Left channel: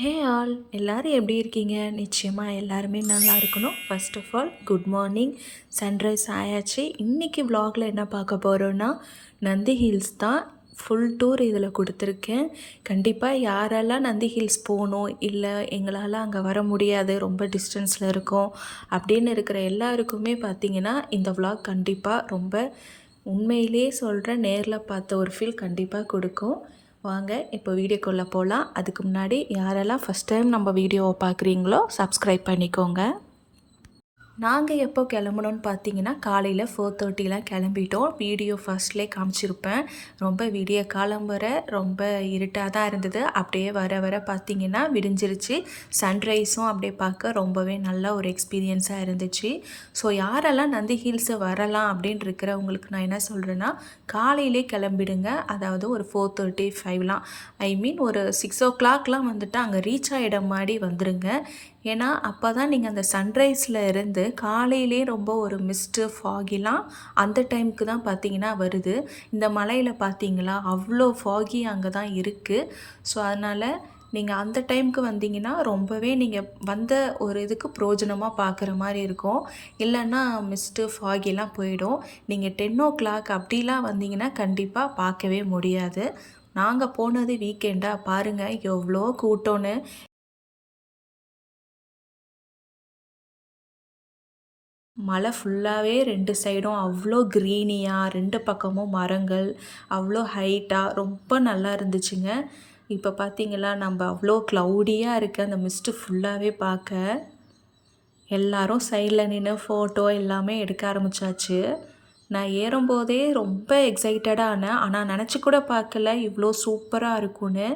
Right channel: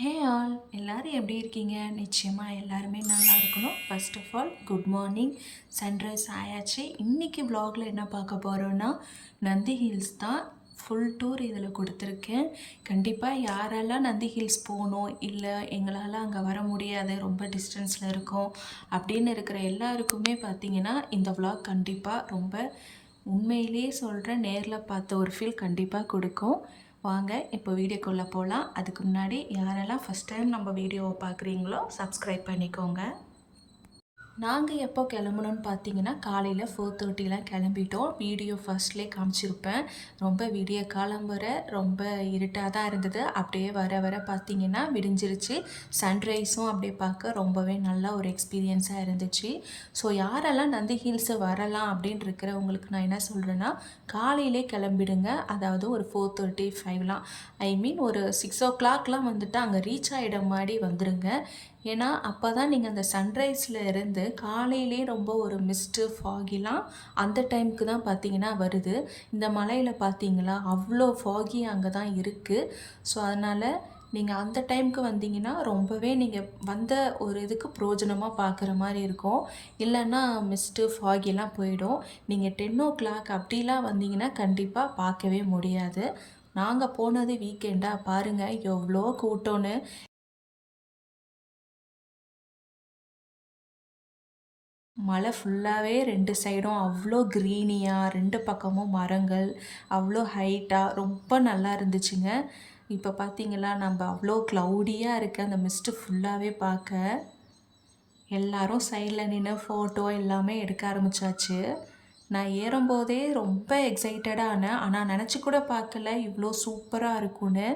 Hey all எல்லோரும் எப்படி இருக்கீங்க? நிச்சயமாக எல்லாருமே நல்லா இருக்கணும். First of all good morning. Sunrise ஆயாச்சு. இன்றைக்கி vlogல என்ன பார்க்க போகிறோன்னா நந்தி ஹில்ஸ் தான். ஃபுல் டூர் இதில் கொடுத்துருக்கேன். கண்டிப்பாக யாரெல்லாம் நந்தி ஹில்ஸ் போகணும், இல்லை எங்களால் அங்கே வர முடியாது, ரொம்ப டிஸ்டன்ஸில் இருக்கோம் அப்படின்னு இருக்கிற எல்லாருக்குமே பார்த்திங்கன்னா இந்த vlog கண்டிப்பாக ரொம்ப உண்மையிலேயே சொல்கிறேன், நேரில் பார்த்த ஒரு ஃபீல் கண்டிப்பாக கொடுக்கும். வாங்க இப்போ வீடியோக்குள்ளே போகலாம். அதுக்கு முன்னாடி யாரெல்லாம் ஃபஸ்ட் டைம் நம்ம வீடியோவை பார்க்குறீங்களோ சப்ஸ்கிரைப் பண்ணிக்கோங்க. நாங்கள் எப்போ கிளம்புனோன்னு பார்த்தீங்கன்னா காலையில் 4:30 கிளம்பிட்டோம். வீடியோ ஃபர்ஸ்ட்லேயே காமிச்சிருப்பேன். ரொம்ப விடிய காலம் வர ரொம்ப இருட்டாக தான் இருந்தது. அப்படியே வர வர பார்த்திங்கன்னா விடிஞ்சிருச்சு. சன்ரைஸும் அப்படியே பார்க்க ரொம்பவே நல்ல ஒரு எக்ஸ்பீரியன்ஸாக இருந்துச்சு. ஸோ யாரெல்லாம் நந்தி ஹில்ஸு வரலாம் அப்படின்னு இருக்கிறவங்களுக்கு நான் என்ன சொல்கிறேன்னா, காலையிலே கிளம்பிடுங்க. அதாவது ஒரு 4:35 ஐ மீன் ஒரு 6 o'clock வந்துட்டு அங்கே ரீச் ஆகிட மாதிரி வந்துடுங்க. ஏன்னா அப்போ தான் நீங்கள் அந்த சன்ரைஸில் இருந்து காலையிலே ரொம்ப ஒரு மிஸ்ட்டு ஃபாகிலாம் அந்த டைமுக்கு தான் பார்த்தீங்கன்னா வருது. இந்த மலையில் பார்த்தீங்களா அவ்வளோ ஃபாகி அங்கே தான் இருக்குது. ஸோ அதனால் நீங்கள் அந்த டைமுக்கு வந்தீங்கன்னா ரொம்பவே நீங்கள் வந்த ஒரு இதுக்கு பிரயோஜனமாக பார்க்குற மாதிரி இருக்கும். இல்லைன்னா மிஸ்ட்டு ஃபாகிலாம் போயிடும். நீங்கள் 10 o'clock அப்படிலாம் வந்தீங்கன்னா கண்டிப்பாக பார்க்கவே முடியாது. நாங்கள் போனது வீக்கெண்டாக பாருங்கள் எவ்வளோ கூட்டம்னு. மலை ஃபுல்லாகவே 2 சைடும் அவ்வளோ க்ரீனியாக, 2 பக்கமும் மரங்கள், அவ்வளோ ஹைட்டாக ரொம்ப நல்லா இருந்துச்சுங்க. இப்போ பார்த்தீங்களா நம்ம அவ்வளோ க்ளவுடியாக இருக்குது அந்த மிஸ்ட்டு ஃபுல்லாகவே பார்க்க. எல்லாரும் சைடில் நின்று ஃபோட்டோ எல்லாமே எடுக்க ஆரம்பித்தாச்சு. நான் ஏறும்போதே ரொம்ப எக்ஸைட்டடாக ஆனேன். ஆனால் நினச்சி கூட பார்க்கல இவ்வளோ சூப்பராக இருக்கும்னு.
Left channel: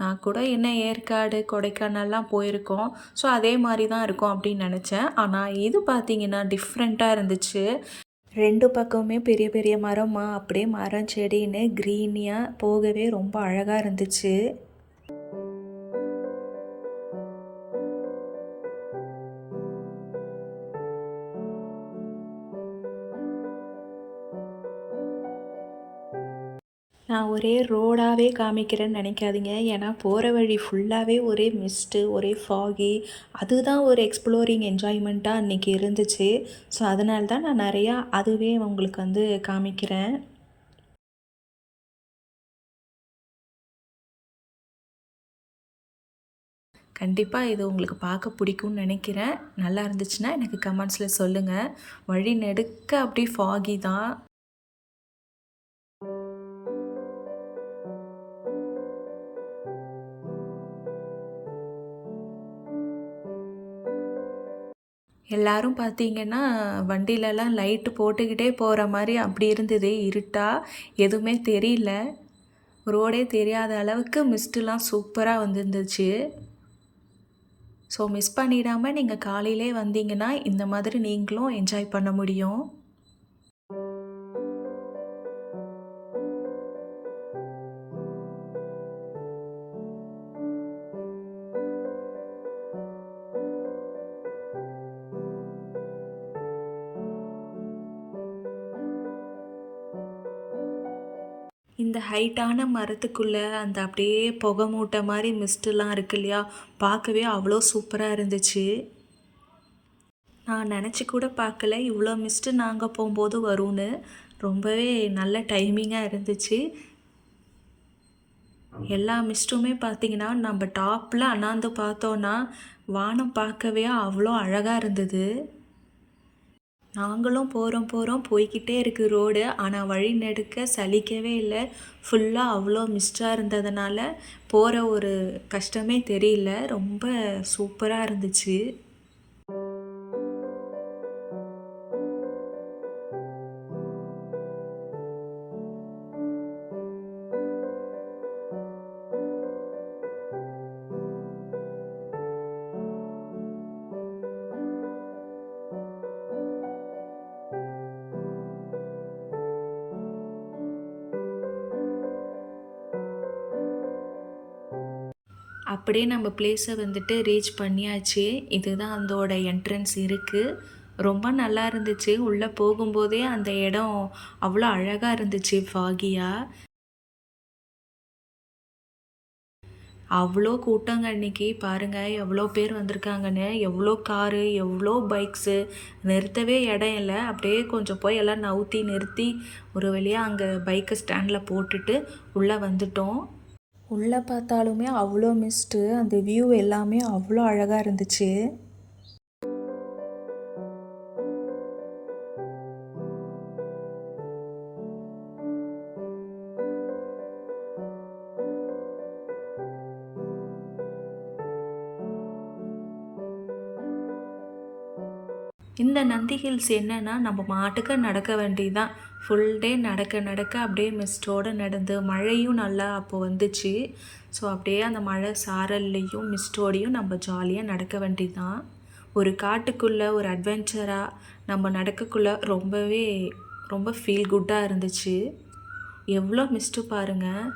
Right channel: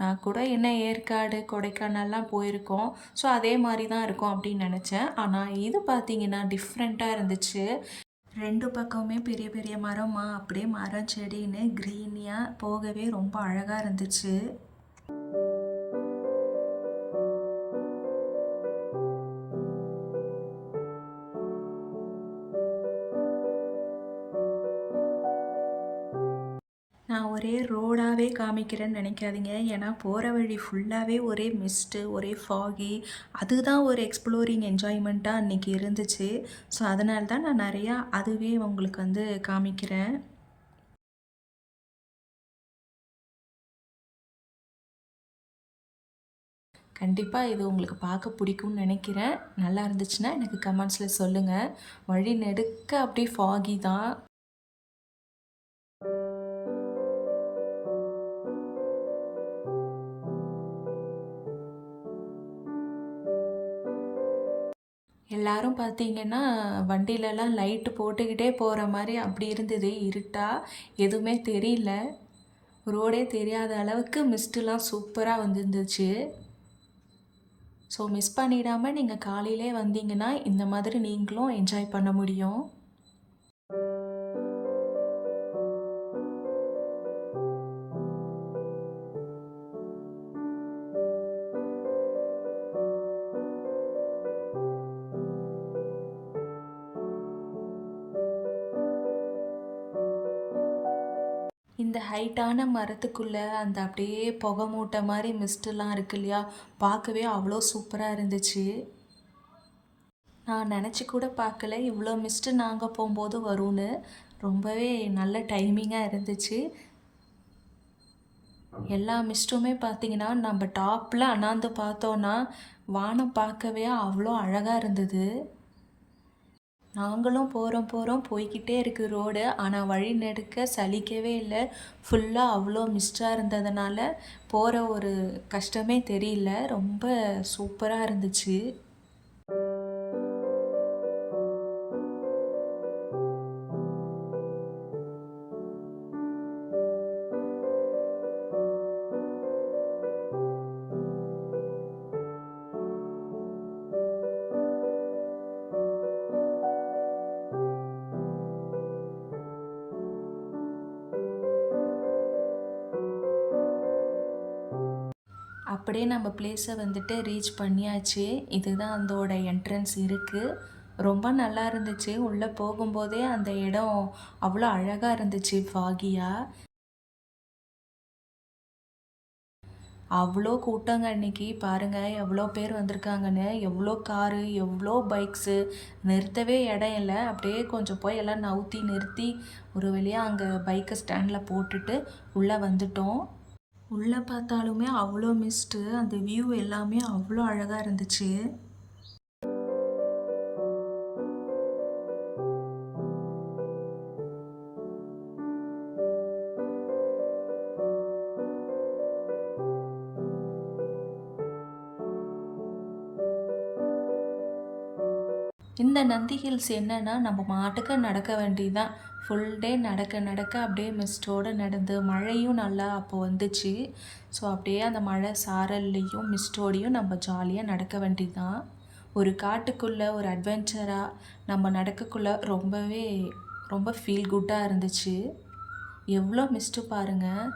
நான் கூட என்ன ஏற்காடு, கொடைக்கானல்லாம் போயிருக்கோம். ஸோ அதே மாதிரி தான் இருக்கும் அப்படின்னு நினச்சேன். ஆனால் இது பார்த்திங்கன்னா டிஃப்ரெண்ட்டாக இருந்துச்சு. 2 பக்கமுமே பெரிய பெரிய மரமா அப்படியே மரம் செடின்னு க்ரீனியாக போகவே ரொம்ப அழகாக இருந்துச்சு. நான் ஒரே ரோடாகவே காமிக்கிறேன்னு நினைக்காதீங்க. ஏன்னா போகிற வழி ஃபுல்லாகவே ஒரே மிஸ்ட்டு, ஒரே ஃபாகி. அதுதான் ஒரு எக்ஸ்ப்ளோரிங் என்ஜாய்மெண்ட்டாக அன்றைக்கி இருந்துச்சு. ஸோ அதனால தான் நான் நிறையா அதுவே உங்களுக்கு வந்து காமிக்கிறேன். கண்டிப்பாக இது உங்களுக்கு பார்க்க பிடிக்கும்னு நினைக்கிறேன். நல்லா இருந்துச்சுன்னா எனக்கு கமெண்ட்ஸில் சொல்லுங்கள். வழி நெடுக்க அப்படி ஃபாகி தான். எல்லாரும் பார்த்தீங்கன்னா வண்டியிலலாம் லைட்டு போட்டுக்கிட்டே போகிற மாதிரி அப்படி இருந்தது. இருட்டாக எதுவுமே தெரியல. ரோடே தெரியாத அளவுக்கு மிஸ்ட்டுலாம் சூப்பராக வந்துருந்துச்சு. ஸோ மிஸ் பண்ணிடாமல் நீங்கள் காலையிலே வந்தீங்கன்னா இந்த மாதிரி நீங்களும் என்ஜாய் பண்ண முடியும். இந்த ஹைட்டான மரத்துக்குள்ளே அந்த அப்படியே புகை மூட்டை மாதிரி மிஸ்ட்டுலாம் இருக்கு இல்லையா, பார்க்கவே அவ்வளோ சூப்பராக இருந்துச்சு. நான் நினச்சி கூட பார்க்கல இவ்வளோ மிஸ்ட்டு நாங்கள் போகும்போது வரும்னு. ரொம்பவே நல்ல டைமிங்காக இருந்துச்சு. எல்லா மிஸ்ட்டுமே பார்த்திங்கன்னா நம்ம டாப்பில் அண்ணாந்து பார்த்தோன்னா வானம் பார்க்கவே அவ்வளோ அழகாக இருந்தது. நாங்களும் போகிறோம் போய்க்கிட்டே இருக்குது ரோடு. ஆனால் வழி நெடுக்க சலிக்கவே இல்லை. ஃபுல்லாக அவ்வளோ மிஸ்டாக இருந்ததுனால போகிற ஒரு கஷ்டமே தெரியல. ரொம்ப சூப்பராக இருந்துச்சு. அப்படியே நம்ம பிளேஸை வந்துட்டு ரீச் பண்ணியாச்சு. இதுதான் அதோட என்ட்ரன்ஸ் இருக்குது. ரொம்ப நல்லா இருந்துச்சு. உள்ளே போகும்போதே அந்த இடம் அவ்வளோ அழகாக இருந்துச்சு ஃபாகியாக. அவ்வளோ கூட்டங்க அன்னைக்கு பாருங்கள் எவ்வளோ பேர் வந்திருக்காங்கன்னு. எவ்வளோ காரு எவ்வளோ பைக்ஸு, நிறுத்தவே இடம் இல்லை. அப்படியே கொஞ்சம் போய் எல்லாம் நவுத்தி நிறுத்தி ஒரு வழியாக அங்கே பைக்கை ஸ்டாண்டில் போட்டுட்டு உள்ளே வந்துட்டோம். உள்ளே பார்த்தாலுமே அவ்வளோ மிஸ்ட்டு, அந்த வியூ எல்லாமே அவ்வளோ அழகாக இருந்துச்சு. இந்த நந்தி ஹில்ஸ் என்னன்னா நம்ம மாட்டுக்கு நடக்க வேண்டியதுதான். ஃபுல் டே நடக்க நடக்க அப்படியே மிஸ்ட்டோடு நடந்து மழையும் நல்லா அப்போ வந்துச்சு. ஸோ அப்படியே அந்த மழை சாரல்லையும் மிஸ்ட்டோடையும் நம்ம ஜாலியாக நடக்க வேண்டியதுதான். ஒரு காட்டுக்குள்ளே ஒரு அட்வென்ச்சராக நம்ம நடக்கக்குள்ளே ரொம்ப ஃபீல் குட்டாக இருந்துச்சு. எவ்வளோ மிஸ்ட்டு பாருங்கள்,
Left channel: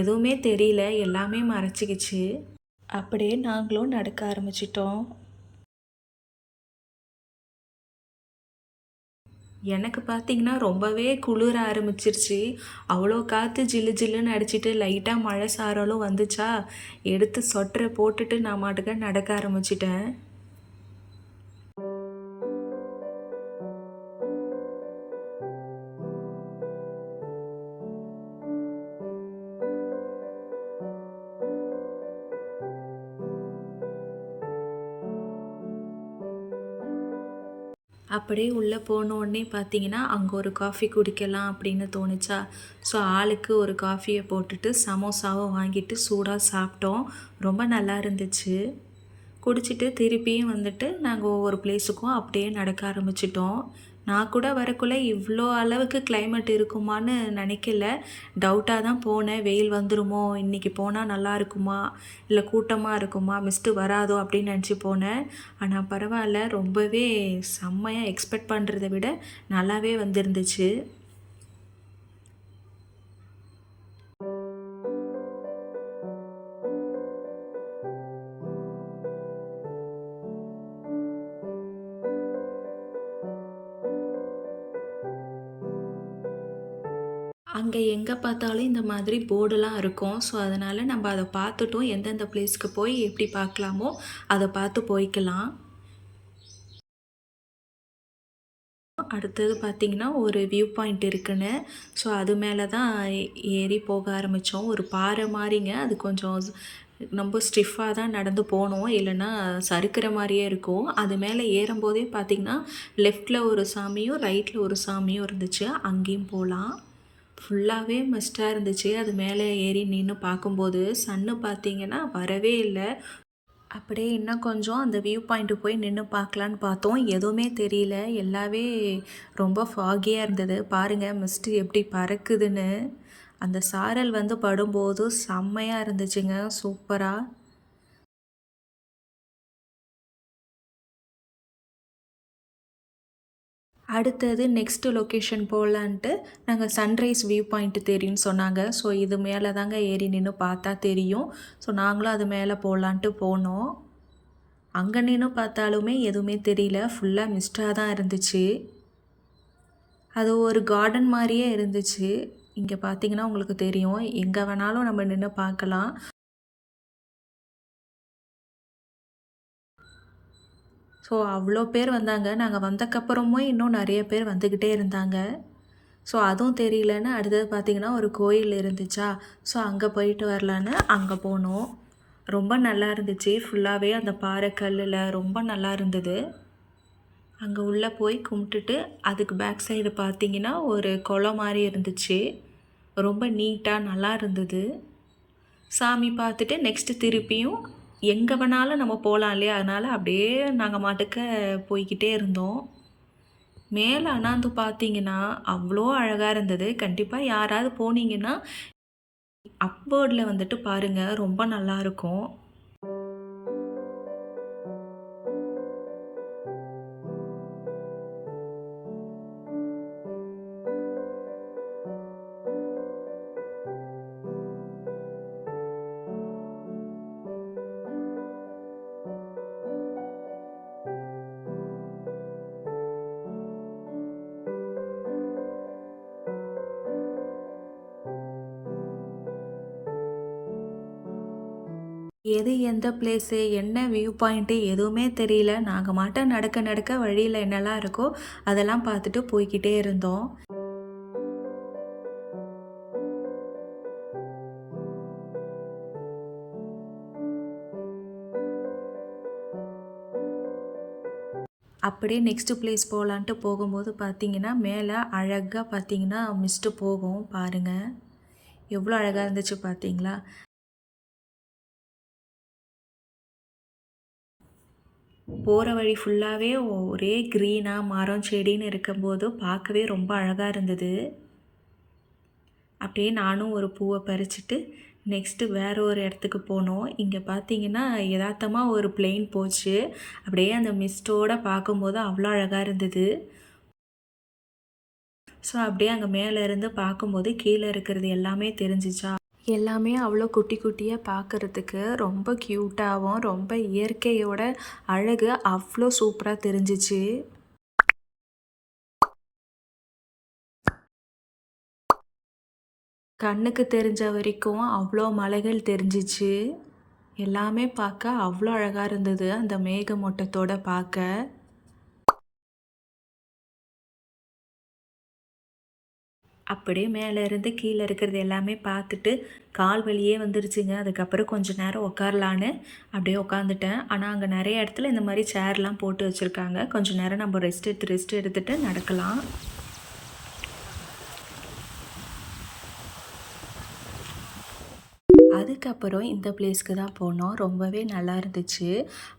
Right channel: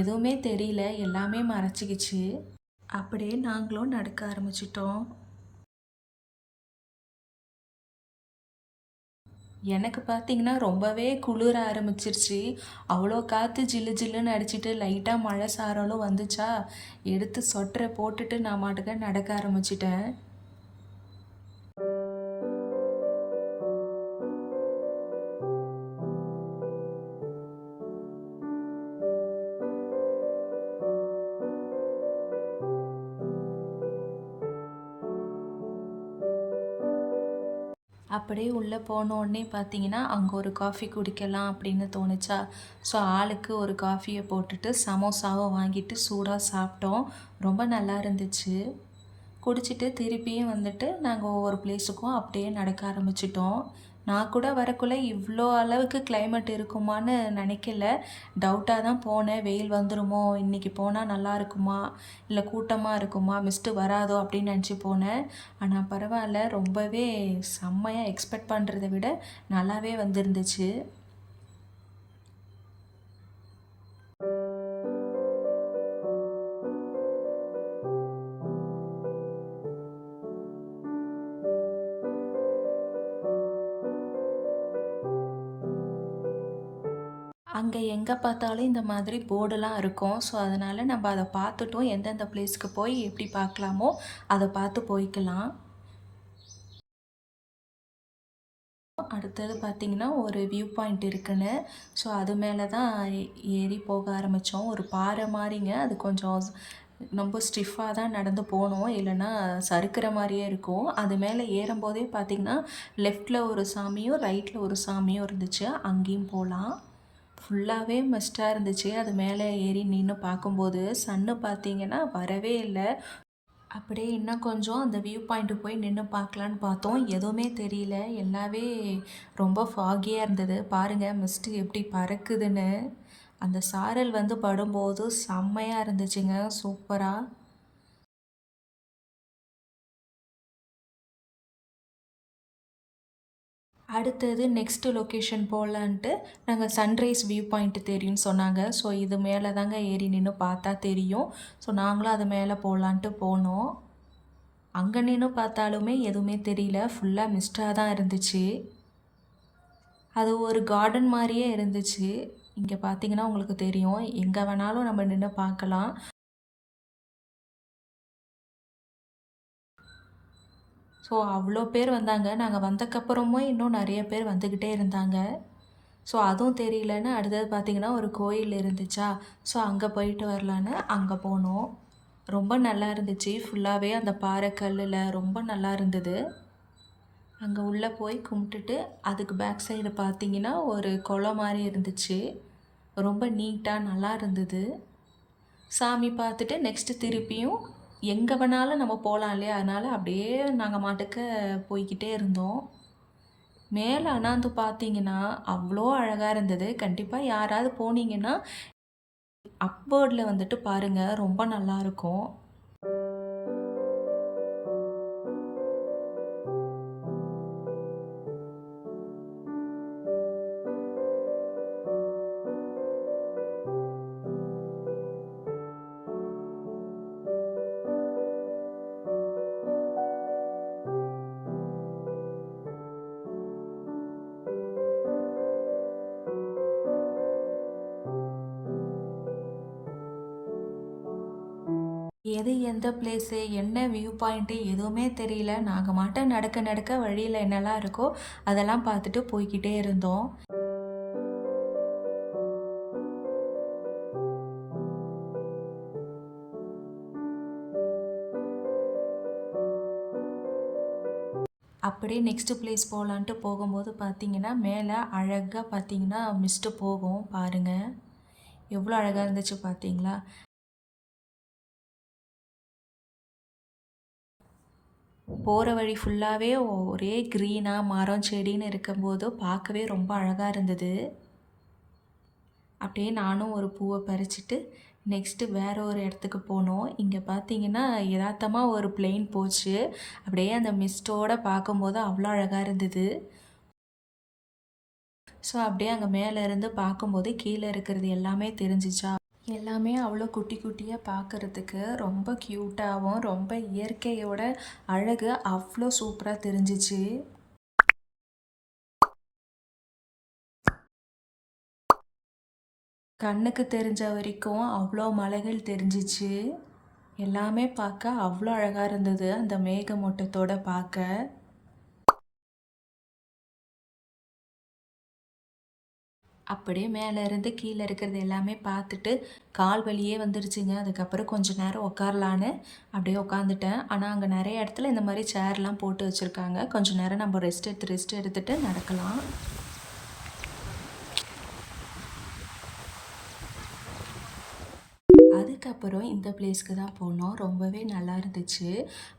எதுவுமே தெரியல, எல்லாமே மறைச்சிக்கிச்சு. அப்படியே நாங்களும் நடக்க ஆரம்பிச்சிட்டோம். எனக்கு பார்த்தீங்கன்னா ரொம்பவே குளிர ஆரம்பிச்சிருச்சு. அவ்வளோ காற்று ஜில்லு ஜில்லுன்னு அடிச்சிட்டு லைட்டாக மழை சாரலும் வந்துச்சா, எடுத்து சொட்டரை போட்டுட்டு நான் பாட்டுக்கு நடக்க ஆரம்பிச்சிட்டேன். அப்படியே உள்ளே போனோடனே பார்த்தீங்கன்னா, அங்கே ஒரு காஃபி குடிக்கலாம் அப்படின்னு தோணுச்சா, ஸோ ஆளுக்கு ஒரு காஃபியை போட்டுட்டு சமோசாவும் வாங்கிட்டு சூடாக சாப்பிட்டோம். ரொம்ப நல்லா இருந்துச்சு. குடிச்சிட்டு திருப்பியும் வந்துட்டு நாங்கள் ஒவ்வொரு பிளேஸுக்கும் அப்படியே நடக்க ஆரம்பிச்சிட்டோம். நான் கூட வரக்குள்ள இவ்வளோ அளவுக்கு கிளைமேட் இருக்குமான்னு நினைக்கல. டவுட்டாக தான் போனேன். வெயில் வந்துருமோ, இன்றைக்கி போனால் நல்லா இருக்குமா, இல்லை கூட்டமாக இருக்குமா, மிஸ்ட்டு வராதோ அப்படின்னு நினச்சி போனேன். ஆனால் பரவாயில்ல, ரொம்பவே செம்மையாக எக்ஸ்பெக்ட் பண்ணுறத விட நல்லாவே வந்துருந்துச்சு. அங்கே எங்கே பார்த்தாலும் இந்த மாதிரி போர்டெல்லாம் இருக்கும். ஸோ அதனால் நம்ம அதை பார்த்துட்டோம். எந்தெந்த பிளேஸ்க்கு போய் எப்படி பார்க்கலாமோ அதை பார்த்து போய்க்கலாம். அடுத்தது பார்த்திங்கன்னா ஒரு வியூ பாயிண்ட் இருக்குன்னு, ஸோ அது மேலே தான் ஏறி போக ஆரம்பித்தோம். ஒரு பாறை மாதிரிங்க, அது கொஞ்சம் ரொம்ப ஸ்டிஃபாக தான் நடந்து போனோம், இல்லைன்னா சறுக்கிற மாதிரியே இருக்கும். அது மேலே ஏறும்போதே பார்த்திங்கன்னா லெஃப்டில் ஒரு சாமியும் ரைட்டில் ஒரு சாமியும் இருந்துச்சு. அங்கேயும் போகலாம். ஃபுல்லாகவே மஸ்ட்டாக இருந்துச்சு. அது மேலே ஏறி நின்று பார்க்கும்போது சன்னு பார்த்திங்கன்னா வரவே இல்லை. அப்படியே இன்னும் கொஞ்சம் அந்த வியூ பாயிண்ட்டு போய் நின்று பார்க்கலான்னு பார்த்தோம். எதுவுமே தெரியல. எல்லாமே ரொம்ப ஃபாகியாக இருந்தது. பாருங்கள் மிஸ்ட்டு எப்படி பறக்குதுன்னு. அந்த சாரல் வந்து படும்போது செம்மையாக இருந்துச்சுங்க, சூப்பராக. அடுத்தது நெக்ஸ்ட்டு லொக்கேஷன் போகலான்ட்டு நாங்கள் சன்ரைஸ் வியூ பாயிண்ட்டு தெரியும்னு சொன்னாங்க. ஸோ இது மேலே தாங்க ஏறி நின்று பார்த்தா தெரியும். ஸோ நாங்களும் அது மேலே போகலான்ட்டு போனோம். அங்கே நின்று பார்த்தாலுமே எதுவுமே தெரியல. ஃபுல்லாக மிஸ்டாக தான் இருந்துச்சு. அது ஒரு கார்டன் மாதிரியே இருந்துச்சு. இங்கே பார்த்தீங்கன்னா உங்களுக்கு தெரியும். எங்கே வேணாலும் நம்ம நின்று பார்க்கலாம். ஸோ அவ்வளோ பேர் வந்தாங்க. நாங்கள் வந்தக்கப்புறமும் இன்னும் நிறைய பேர் வந்துக்கிட்டே இருந்தாங்க. ஸோ அதுவும் தெரியலன்னு அடுத்தது பார்த்திங்கன்னா ஒரு கோயில் இருந்துச்சா, ஸோ அங்கே போயிட்டு வரலான்னு அங்கே போனோம். ரொம்ப நல்லா இருந்துச்சு. ஃபுல்லாகவே அந்த பாறை கல்லில் ரொம்ப நல்லா இருந்தது. அங்கே உள்ளே போய் கும்பிட்டுட்டு அதுக்கு பேக் சைடு பார்த்திங்கன்னா ஒரு குளம் மாதிரி இருந்துச்சு. ரொம்ப நீட்டாக நல்லா இருந்தது. சாமி பார்த்துட்டு நெக்ஸ்ட்டு திருப்பியும் எங்கே வேணாலும் நம்ம போகலாம் இல்லையா, அதனால் அப்படியே நாங்கள் மாட்டுக்க போய்கிட்டே இருந்தோம். மேலே அண்ணாந்து பார்த்தீங்கன்னா அவ்வளோ அழகாக இருந்தது. கண்டிப்பாக யாராவது போனீங்கன்னா அப்போர்டில் வந்துட்டு பாருங்கள், ரொம்ப நல்லாயிருக்கும். எது எந்த பிளேஸு என்ன வியூ பாயிண்ட்டு எதுவுமே தெரியல. நாங்கள் மாட்டம் நடக்க நடக்க வழியில் என்னெல்லாம் இருக்கோ அதெல்லாம் பார்த்துட்டு போய்க்கிட்டே இருந்தோம். அப்படியே நெக்ஸ்ட்டு பிளேஸ் போகலான்ட்டு போகும்போது பார்த்தீங்கன்னா, மேலே அழகாக பார்த்தீங்கன்னா மிஸ்ட்டு போகும் பாருங்கள். எவ்வளோ அழகாக இருந்துச்சு பார்த்தீங்களா? போகிற வழி ஃபுல்லாகவே ஒரே க்ரீனாக மரம் செடின்னு இருக்கும்போது பார்க்கவே ரொம்ப அழகாக இருந்தது. அப்படியே நானும் ஒரு பூவை பறிச்சுட்டு நெக்ஸ்ட்டு வேறு ஒரு இடத்துக்கு போனோம். இங்கே பார்த்தீங்கன்னா யதார்த்தமாக ஒரு பிளெயின் போச்சு. அப்படியே அந்த மிஸ்ட்டோடு பார்க்கும்போது அவ்வளோ அழகாக இருந்தது. ஸோ அப்படியே அங்கே மேலே இருந்து பார்க்கும்போது கீழே இருக்கிறது எல்லாமே தெரிஞ்சிச்சா, எல்லாமே அவ்வளோ குட்டி குட்டியாக பார்க்குறதுக்கு ரொம்ப க்யூட்டாகவும் ரொம்ப இயற்கையோட அழகு அவ்வளோ சூப்பராக தெரிஞ்சிச்சு. கண்ணுக்கு தெரிஞ்ச வரைக்கும் அவ்வளோ மலைகள் தெரிஞ்சிச்சு. எல்லாமே பார்க்க அவ்வளோ அழகாக இருந்தது அந்த மேகமூட்டத்தோடு பார்க்க. அப்படியே மேலே இருந்து கீழே இருக்கிறது எல்லாமே பார்த்துட்டு கால் வலியே வந்துருச்சுங்க. அதுக்கப்புறம் கொஞ்சம் நேரம் உட்காரலான்னு அப்படியே உட்காந்துட்டேன். ஆனால் அங்கே நிறைய இடத்துல இந்த மாதிரி சேர்லாம் போட்டு வச்சுருக்காங்க. கொஞ்சம் நேரம் நம்ம ரெஸ்ட் எடுத்துகிட்டு நடக்கலாம். அதுக்கப்புறம் இந்த பிளேஸ்க்கு தான் போனோம். ரொம்பவே நல்லா இருந்துச்சு.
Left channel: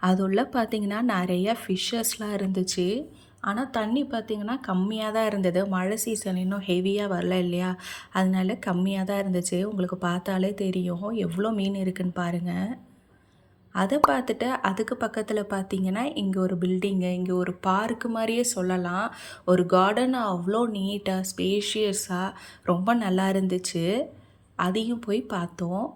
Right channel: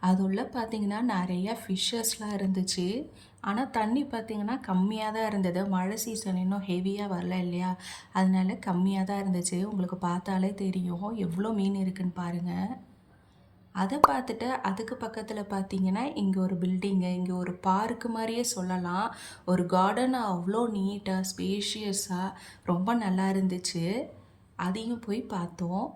அது உள்ள பார்த்திங்கன்னா நிறையா ஃபிஷ்ஷஸ்லாம் இருந்துச்சு. ஆனால் தண்ணி பார்த்திங்கன்னா கம்மியாக தான் இருந்தது. மழை சீசன் இன்னும் ஹெவியாக வரல இல்லையா, அதனால கம்மியாக தான் இருந்துச்சு. உங்களுக்கு பார்த்தாலே தெரியும் எவ்வளோ மீன் இருக்குதுன்னு பாருங்கள். அதை பார்த்துட்டு அதுக்கு பக்கத்தில் பார்த்திங்கன்னா இங்கே ஒரு பில்டிங்கு, இங்கே ஒரு பார்க்கு மாதிரியே சொல்லலாம். ஒரு கார்டன் அவ்வளோ நீட்டாக ஸ்பேஷியஸாக ரொம்ப நல்லா இருந்துச்சு. அதையும் போய் பார்த்தோம்.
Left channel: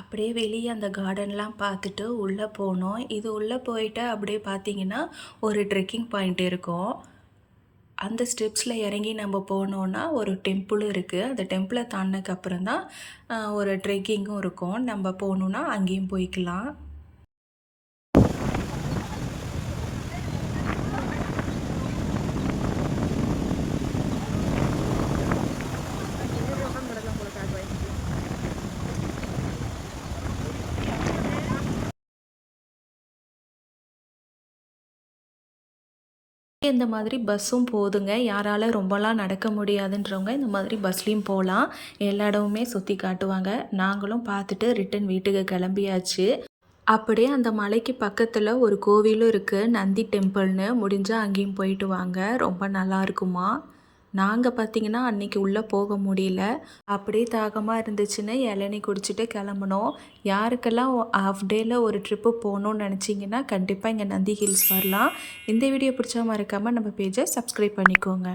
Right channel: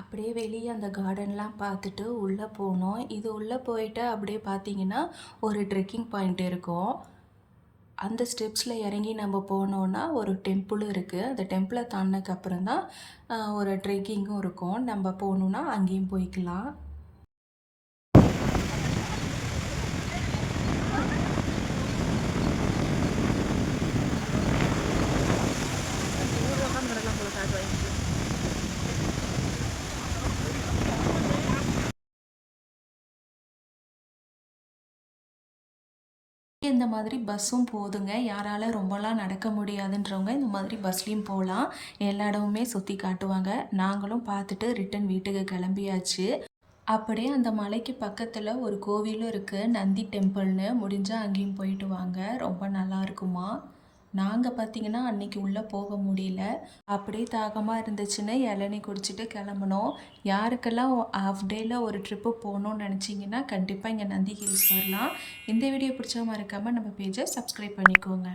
அப்படியே வெளியே அந்த கார்டன்லாம் பார்த்துட்டு உள்ளே போனோம். இது உள்ளே போயிட்டு அப்படியே பார்த்தீங்கன்னா ஒரு ட்ரெக்கிங் பாயிண்ட் இருக்கும். அந்த ஸ்டெப்ஸில் இறங்கி நம்ம போனோன்னா ஒரு டெம்பிளும் இருக்குது. அந்த டெம்பிளை தாண்டினதுக்கப்புறம் தான் ஒரு ட்ரெக்கிங்கும் இருக்கும். நம்ம போகணுன்னா அங்கேயும் போய்க்கலாம். இந்த மாதிரி பஸ்ஸும் போதுங்க. யாரால ரொம்பலாம் நடக்க முடியாதுன்றவங்க இந்த மாதிரி பஸ்லேயும் போகலாம். எல்லா இடமுமே சுற்றி காட்டுவாங்க. நாங்களும் பார்த்துட்டு ரிட்டன் வீட்டுக்கு கிளம்பியாச்சு. அப்படியே அந்த மலைக்கு பக்கத்தில் ஒரு கோவிலும் இருக்குது, நந்தி டெம்பிள்னு. முடிஞ்சால் அங்கேயும் போயிட்டு வாங்க, ரொம்ப நல்லா இருக்குமா. நாங்கள் பார்த்திங்கன்னா அன்றைக்கி உள்ளே போக முடியல. அப்படியே தாகமாக இருந்துச்சுன்னு இளநீ குடிச்சிட்டு கிளம்புனோம். யாருக்கெல்லாம் ஹாஃப் டேயில் ஒரு ட்ரிப்பு போகணுன்னு நினச்சிங்கன்னா கண்டிப்பாக இங்கே நந்தி ஹில்ஸ் வரலாம். இந்த வீடியோ பிடிச்சா மறக்காமல் நம்ம பேஜை சப்ஸ்கிரைப் பண்ணிக்கோங்க.